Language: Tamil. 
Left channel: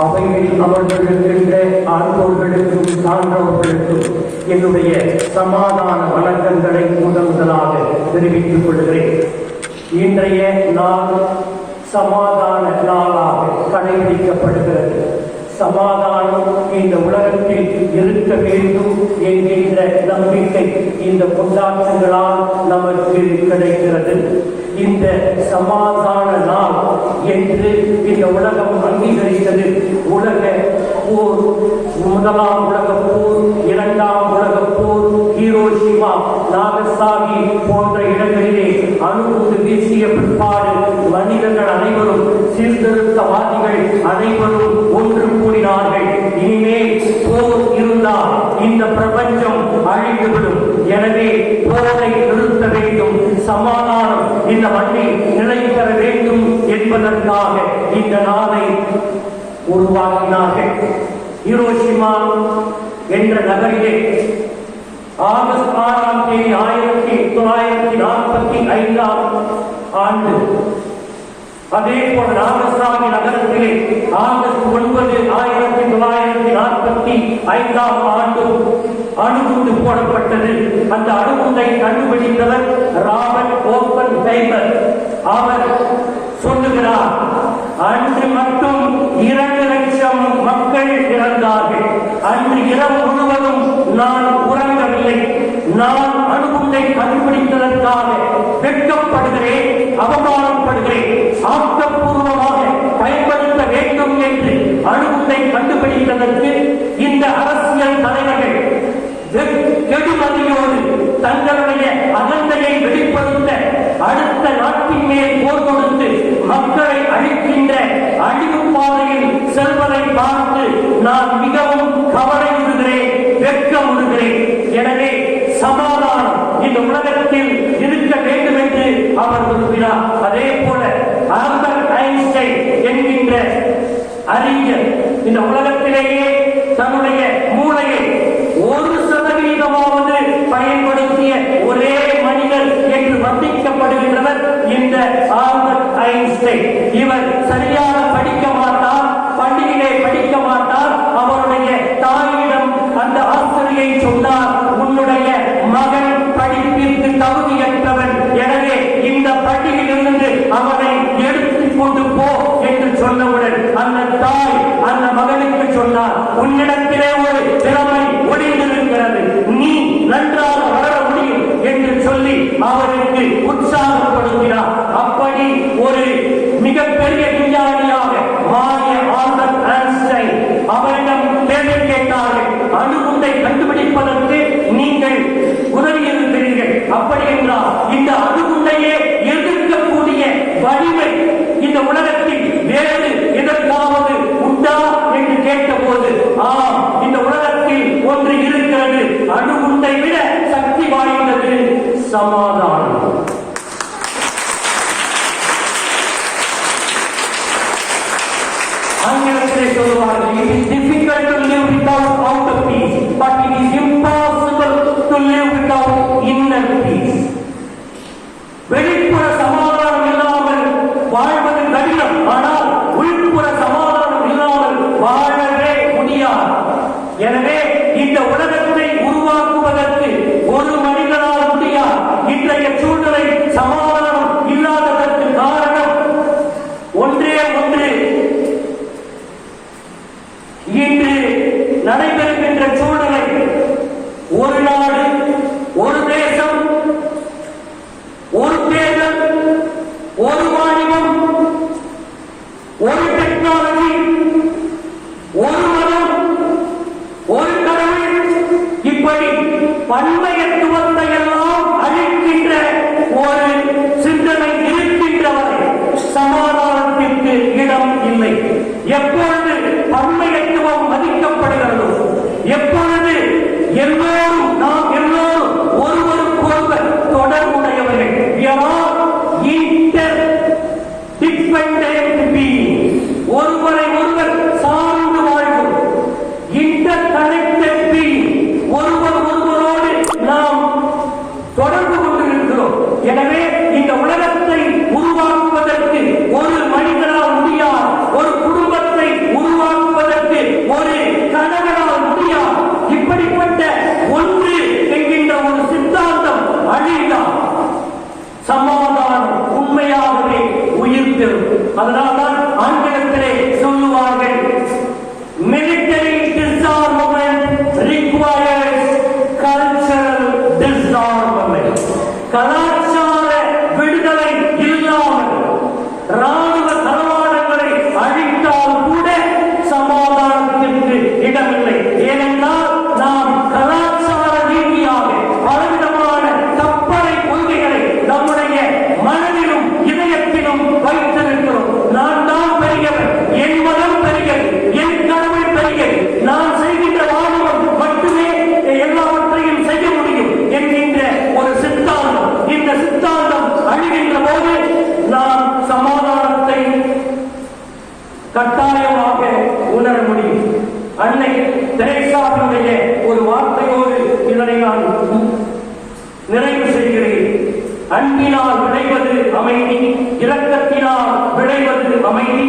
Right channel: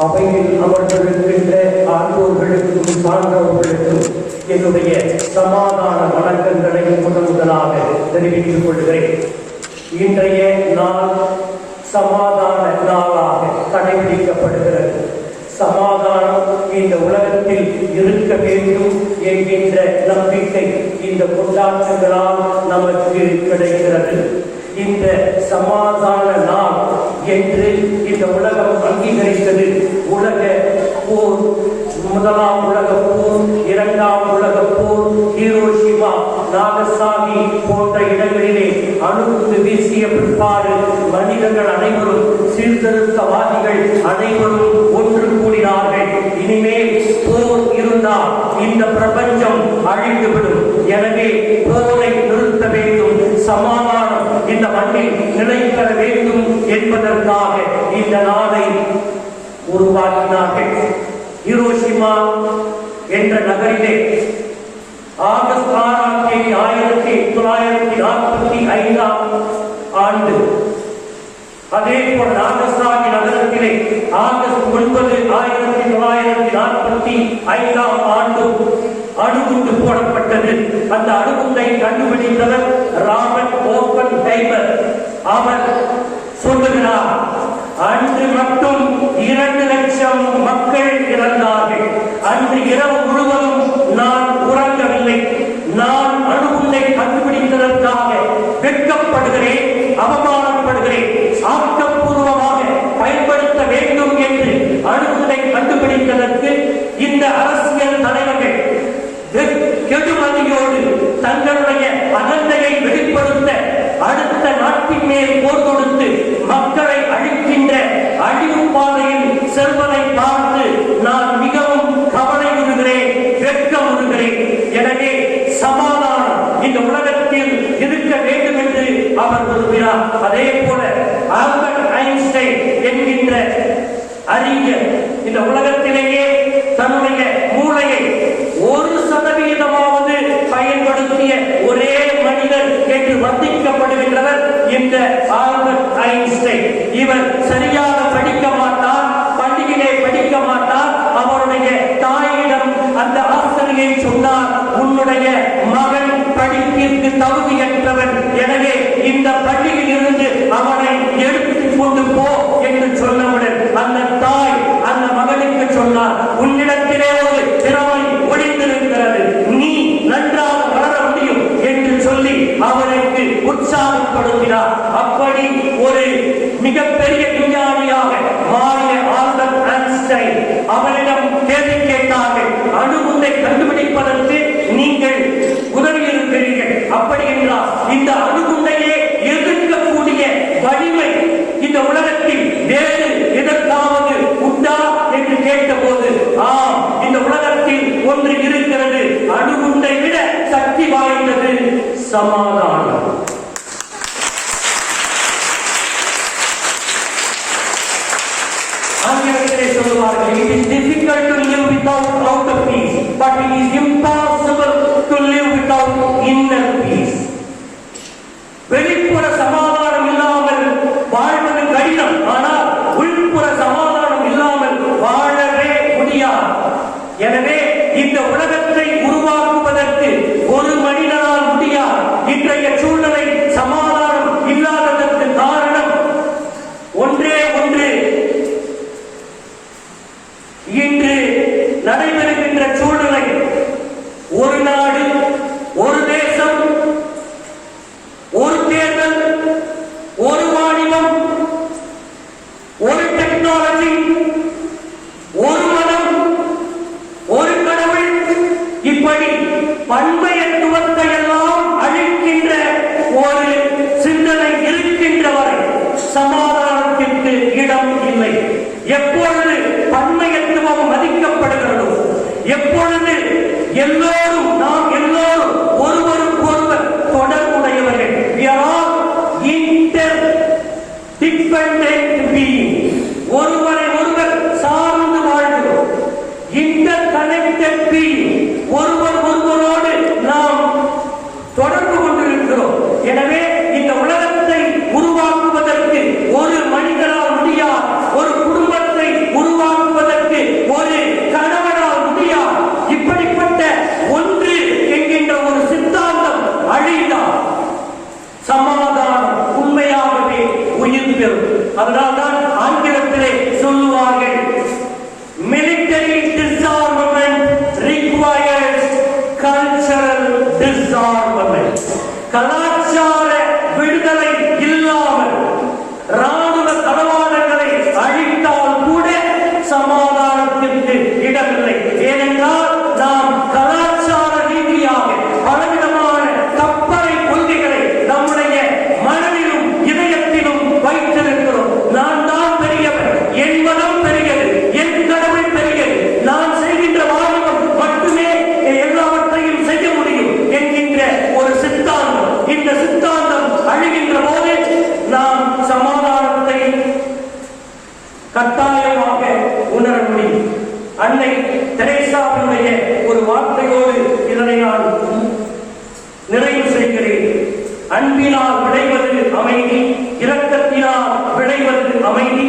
அவையில் அமர்ந்திருக்கின்ற ஆண்டோர்களுக்கும் சான்றோர்களுக்கும் என்னுடைய சமாதான வணக்கங்களை முதலாக தெரிவித்துக் கொள்கிறேன். இன்றைய நாள் சமாதான நாளாக கடைபிடிக்கப்படுகிறது. சமாதானம் இந்த உலகத்தில் இருக்க வேண்டும் என்கின்ற நம்பிக்கை இந்த கொண்டாட்டங்களால் நமக்கு கிடைக்கிறது. இந்த சமாதான நாள் என்று இந்த உலகம் அங்கீகரித்தது. உலக போர், முதலாம் உலக போர், இரண்டாம் உலக போர், ஹிரோஷிமா, நாகசாகி போன்ற இடங்களிலே அணுகுண்டு வீசிய பிற்பாடு மனிதர்கள் அனைவரும், சீர்திருத்தவாதிகள் அனைவரும் ஒன்று கூடினார்கள். இனிமேல் போர் இருந்தால் இந்த பிரபஞ்சம் அழிந்துவிடும். எனவே போரை நிறுத்த வேண்டும், சமாதானம் இந்த மண்ணில் நிலைபெற வேண்டும் என்பதற்காக இந்த நாளை உருவாக்கினார்கள். ஹிரோஷிமா என்ற நகரிலே ஆகஸ்ட் 6ஆம் தேதி 1945ஆம் ஆண்டு, அதே போல் நாகசாகி நகரத்திலே ஆகஸ்ட் 9, 1945ஆம் ஆண்டு அணுகுண்டு போடப்பட்டது. அந்த அணுகுண்டை கண்டுபிடித்தவர் ராபர்ட் ஓப்பன்ஹைமர். அவர் சொல்லுகிறார், அன்று மட்டும் 2 லட்சம் மக்கள் இறந்தார்கள். அன்று இரவு முழுவதும் நான் உறங்கவில்லை. நான் அணுகுண்டை கண்டுபிடித்ததற்காக வெட்கப்படுகிறேன், அவமானப்படுகிறேன். ஆக்கப்பூர்வமாக பயன்படுத்த வேண்டும் என்று அணுகுண்டை கண்டுபிடித்ததற்கு இந்த அரசியல் தலைவர்கள் கெடுமதியோடு தங்களுடைய அகந்தையை வெளிப்படுத்த அடுத்த நாட்டின் மேல் போர் கொடுத்து மக்களை அழிக்கின்ற அழிவு பாதையில் செல்வதை பார்த்து நான் மிகவும் கவலையுறுகிறேன், வெட்கமுறுகிறேன். எனவே சமாதானம் இந்த உலகத்தில் இருக்க வேண்டும் என்று அவர் விரும்பினார். அதே போல ஆல்பர்ட் ஐன்ஸ்டைன் என்கின்ற அறிஞர் இந்த உலகத்திலேயே தன்னுடைய மூளையை 1% பயன்படுத்திய ஒரே மனிதர் என்று வர்ணிக்கப்படுகின்றவர் இந்த ஆல்பர்ட் ஐன்ஸ்டைன். இவர் சரியாக படிக்க மாட்டார், பள்ளியிலே படிக்க மாட்டார். அவருடைய தாயிடம் அந்த ஆசிரியை சொன்னார், உன்னுடைய மகன் படிப்பிற்கு தகுதியற்றவன், எனவே இந்த பள்ளியில் இருந்து அவனை எடுத்துக் கொண்டு போ என்று சொன்னவுடன் அந்த தாய் அந்த மகனுக்கு சொன்னார், உன்னிடத்திலே ஒரு திறமை ஒளிந்திருக்கிறது, நீ நன்றாக வளர முடியும் என்று சொல்லி அவருக்கு உற்சாகப்படுத்தினார். அப்படி ஒரு மிகப்பெரிய விஞ்ஞானியாக மாறிய ஆல்பர்ட் ஐன்ஸ்டைன் அவரிடம் கேள்வி கேட்டார்கள், அணுகுண்டை கண்டுபிடிப்பதற்கு நீங்கள் உதவி இருக்கிறீர்கள், அப்படி என்றால் இந்த அணுகுண்டையே எதிர்க்கக்கூடிய வலிமை இந்த உலகத்தில் வேறு எதற்காவது உண்டா என்று கேட்டபோது, ஆம், இந்த உலகத்தில் ஒன்று இருக்கிறது, அணுகுண்டை விட சக்தி வாய்ந்தது, சமாதானம். ஆங்கிலத்திலே சொல்லுவார்கள், it is difficult to live without outer peace, but it is impossible to live without inner peace. வெளிப்புற சமாதானம் இல்லாமல் வாழ்வது கடினம், ஆனால் உள்புற சமாதானம் இல்லாமல் வாழவே முடியாது. எனவே இந்த உலகத்தை உருவாக்குவதற்கு ஒரு மனிதனால் முடியாது. இன்றைய சூழ்நிலை சமாதானம் இல்லாததற்கு காரணம் ஒன்றே ஒன்று. இன்று நடைபெறுகின்ற சூழ்நிலை ஒரு நாடு, ஒரு தேசம், ஒரு தேர்தல், ஒரு வாணிபம், ஒரு டெக்னாலஜி, ஒரு மதம், ஒரு கடவுள், இப்படி பன்மையத்துவத்தை எல்லாம் அழிக்கின்ற ஒரு சிந்தனை இருக்கின்ற வரை சமாதானத்திற்கு இடம் இல்லை. எப்பொழுது பன்மையத்துவம் மதிக்கப்படுகிறதோ, எப்பொழுது எல்லோரும் நாம் எல்லோரும் ஒருவருக்கொருவர் தொடர்புடையவர்கள், we are all interdependent beings, ஒருவரை ஒருவர் சார்ந்து வாழ்கிறோம், interconnected beings, ஒருவர் ஒருவரோடு நாம் தொடர்பு கொண்டிருக்கிறோம். எனவே இந்த உலகத்தை உருவாக்குவதற்கு ஒரு மனிதனால் முடியாது, ஒரு குடும்பத்தை உருவாக்க உணர முடியும். அன்னை தெரேசாவினுடைய ஒரு வார்த்தையோடு இதனை நான் நிறைவு செய்கிறேன். அன்பினால் விளைவது அமைதி, இரக்கத்தினால் விளைவது அமைதி,